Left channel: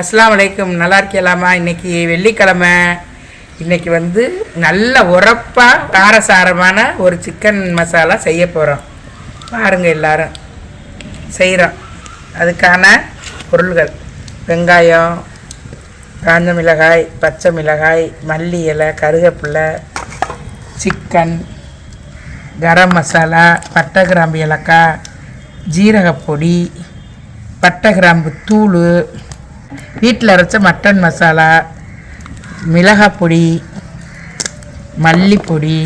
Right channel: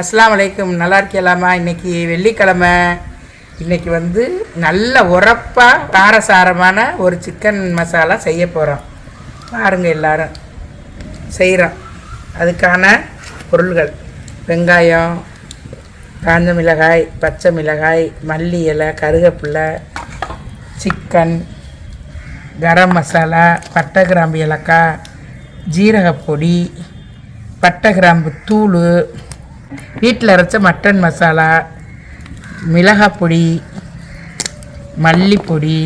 அஸ்ஸலாமு அலைக்கும். நல்லா இருக்கலாமா? இன்றைக்கி வெள்ளிக்கிழமை. இன்றைக்கி வந்து நல்ல உரப்பாக காரசாரமான ஒரு சிக்கன் மசாலா செய்ய போகிறோம். பாருங்கள், எல்லோரும் செய்கிறோம். அதுக்கான பொருள்கள்: வெங்காயம், காஞ்ச மிளகாய், பச்சை மிளகாய், மல்லி இலை, கருவேப்பிலை, சிக்கன், கரம் மசாலா, பட்டை கிராம்பு ஏலக்காய், ஜீரகப்பொடி, பட்டை கிராம்பு தூள், வீட்டில் அரைச்ச மட்டன் மசாலா, மிளகாய் பொடி, மல்லிப்பொடி,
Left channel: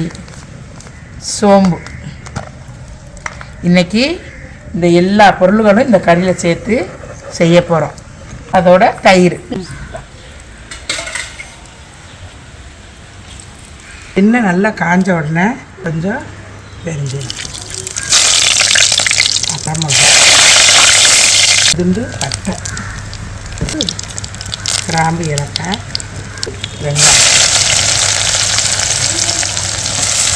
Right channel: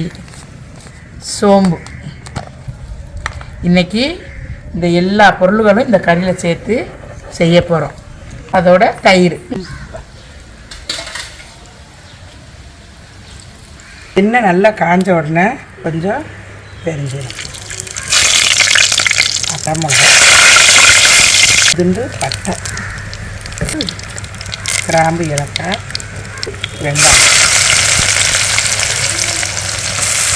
சோம்பு. இன்றைக்கி இந்த எல்லா பொருள்களும் இந்த கறியில் சேர்த்து செய்ய போகிறோம். அதோட தயிர். இன்னும் நல்லா காஞ்ச உடனே கொஞ்சம் பெருஞ்சீரகம், துண்டு பட்டை, கிராம்பு ஏலக்காய், வெங்காயம்,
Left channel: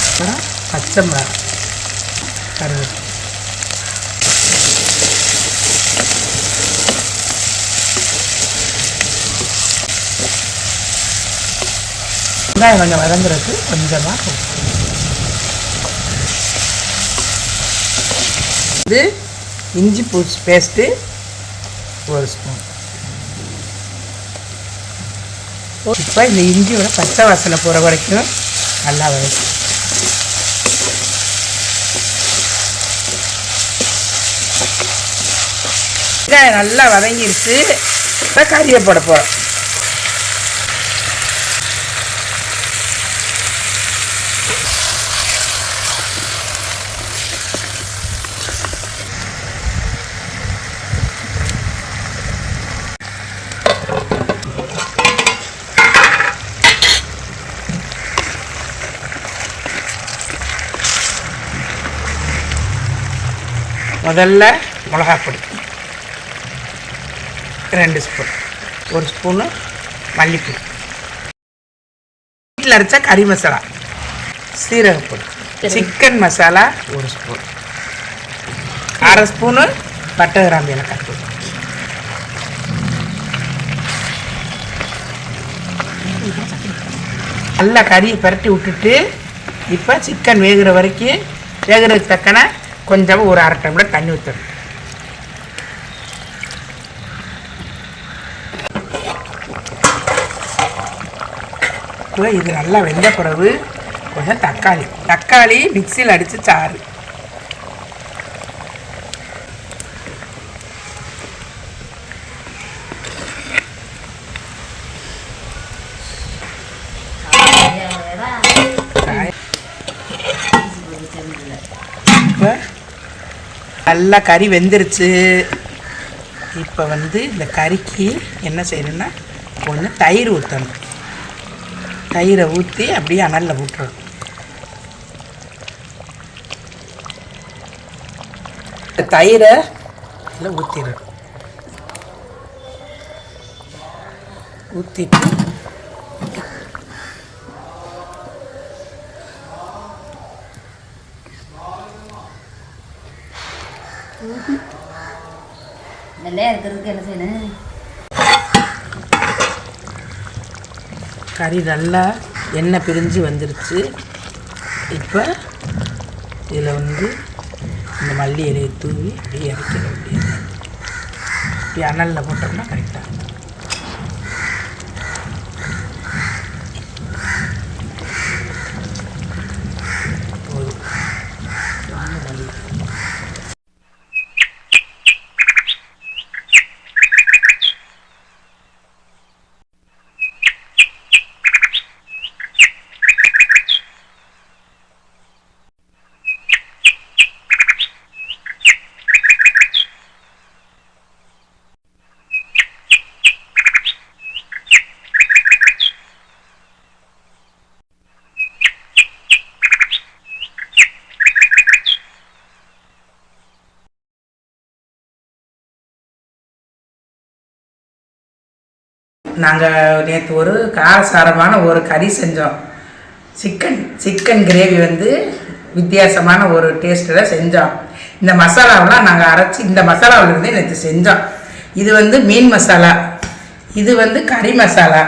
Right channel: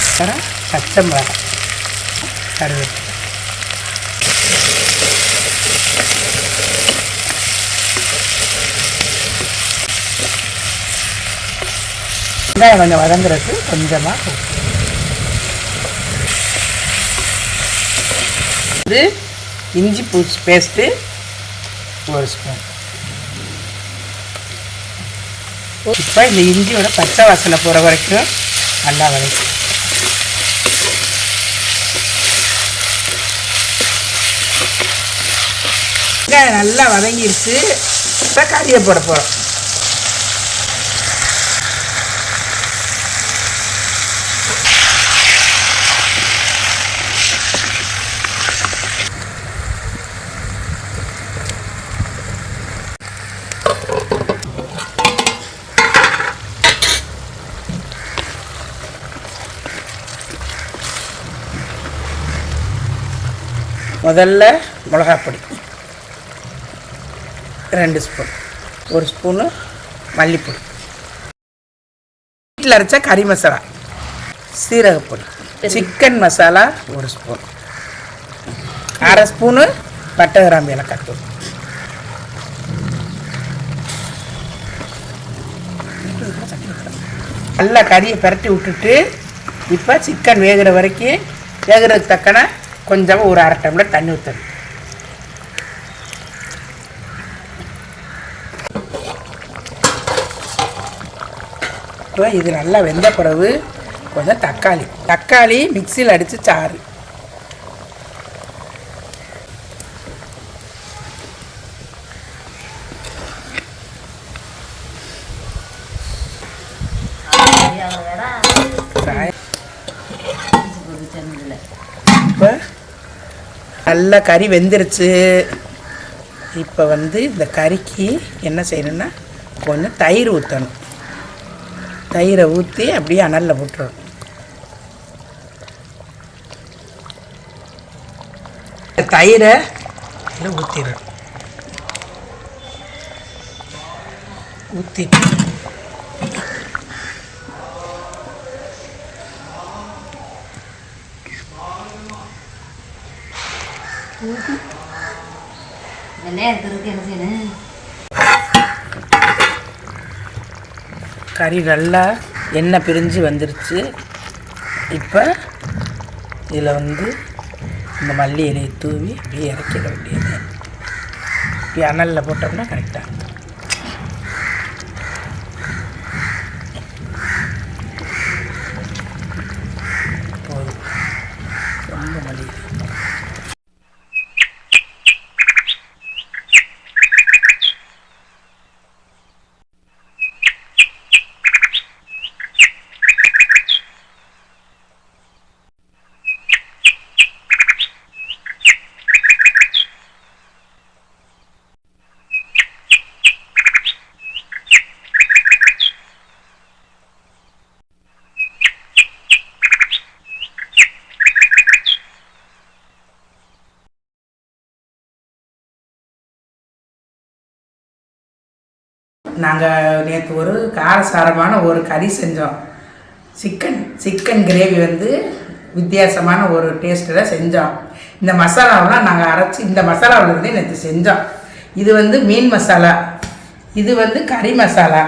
அப்புறம் பச்சை மிளகாய், கருவேப்பிலை. வெங்காயம் கொஞ்சம் வதங்குறதுக்கு கொஞ்சமாக இது இஞ்சி பூச்சி பேஸ்ட்டு ஒரு ஸ்பூன். இப்போ இந்த இஞ்சியோட பச்சை வாசனை போகிற வரைக்கும் நல்லா வதக்கும். நல்லா வதங்கிருச்சு. இப்போ கறியை போட போகிறோம். முதல்ல மிளகாப்பொடி 2 ஸ்பூன், 1 ஸ்பூனு மல்லிப்பொடி, வீட்டில் அரைச்ச கறி மசாலா, சீரகப்பொடி, சிக்கன் மசாலா 1 ஸ்பூன், 1/2 ஸ்பூனு பட்டை கிராம்பு ஏலக்காய் தூள். நல்லா கறியை பரட்டி விட்டுட்டு இப்போ சிக்கன் வேகிற வரைக்கும் வேகிறதுக்கு தக்கன கொஞ்சமாக ஒரு 1/2 டம்ளர் தண்ணி ஊற்றணும். இப்போ இது நல்லா வெந்த பிறகு கொஞ்சம் தக்காளி மிக்சியில் அடித்து சாறு, இப்போ நல்லா கறி வெந்துருச்சு. இப்போ வந்து இந்த கறிக்கு என்ன செய்யணும்னா கொஞ்சம் தயிர் ஊற்றணும். தயிரை ஊற்றி அப்படியே அனலில் போட்டுறணும். தயிரை ஊற்றிடணும். ஊற்றிட்டு கறி நல்லா எண்ணெய் பிரிஞ்சு வந்துருச்சு. இப்போ இதில் வந்து இந்த மல்லி இலையை தூவி அப்படியே இறக்கிட வேண்டியது. இப்படி அனலில் போட்டோம்னா கரெக்டாக இருக்கும். நாங்கள் நேற்று ஒரு காரசாரமான ஒரு கறி செஞ்சோம். சிக்கன் கிரேவி வந்து வித்தியாசமான ஒரு டேஸ்ட்டில் செஞ்சோம். இந்த மசாலாவெலாம் நாங்கள் அரைச்சி இந்த மசாலாவிலேருந்து நேற்று செஞ்சோம். இது வந்து மீன் மசாலா. இது வந்து கறி மசாலா,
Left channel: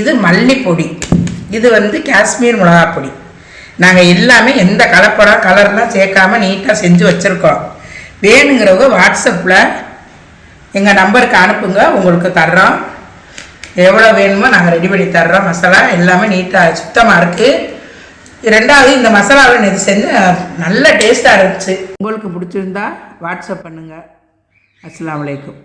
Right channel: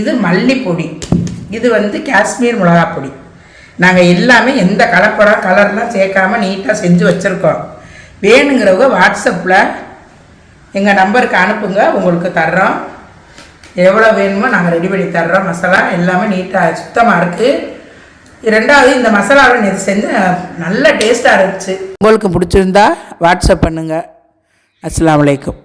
இது மல்லிப்பொடி, இது வந்து காஷ்மீர் மிளகாய் பொடி. நாங்கள் எல்லாமே எந்த கலர்லாம் சேர்க்காம நீட்டாக செஞ்சு வச்சுருக்கோம். வேணுங்கிறவங்க வாட்ஸ்அப்பில் எங்கள் நம்பருக்கு அனுப்புங்க, உங்களுக்கு தர்றோம். எவ்வளோ வேணுமோ நாங்கள் ரெடி பண்ணி தர்றோம். மசாலா எல்லாமே நீட்டாக சுத்தமாக இருக்குது. ரெண்டாவது இந்த மசாலாவை இது செஞ்சு நல்ல டேஸ்ட்டாக இருந்துச்சு. உங்களுக்கு பிடிச்சிருந்தா வாட்ஸ்அப் பண்ணுங்கள். அஸ்ஸலாமு அலைக்கும்.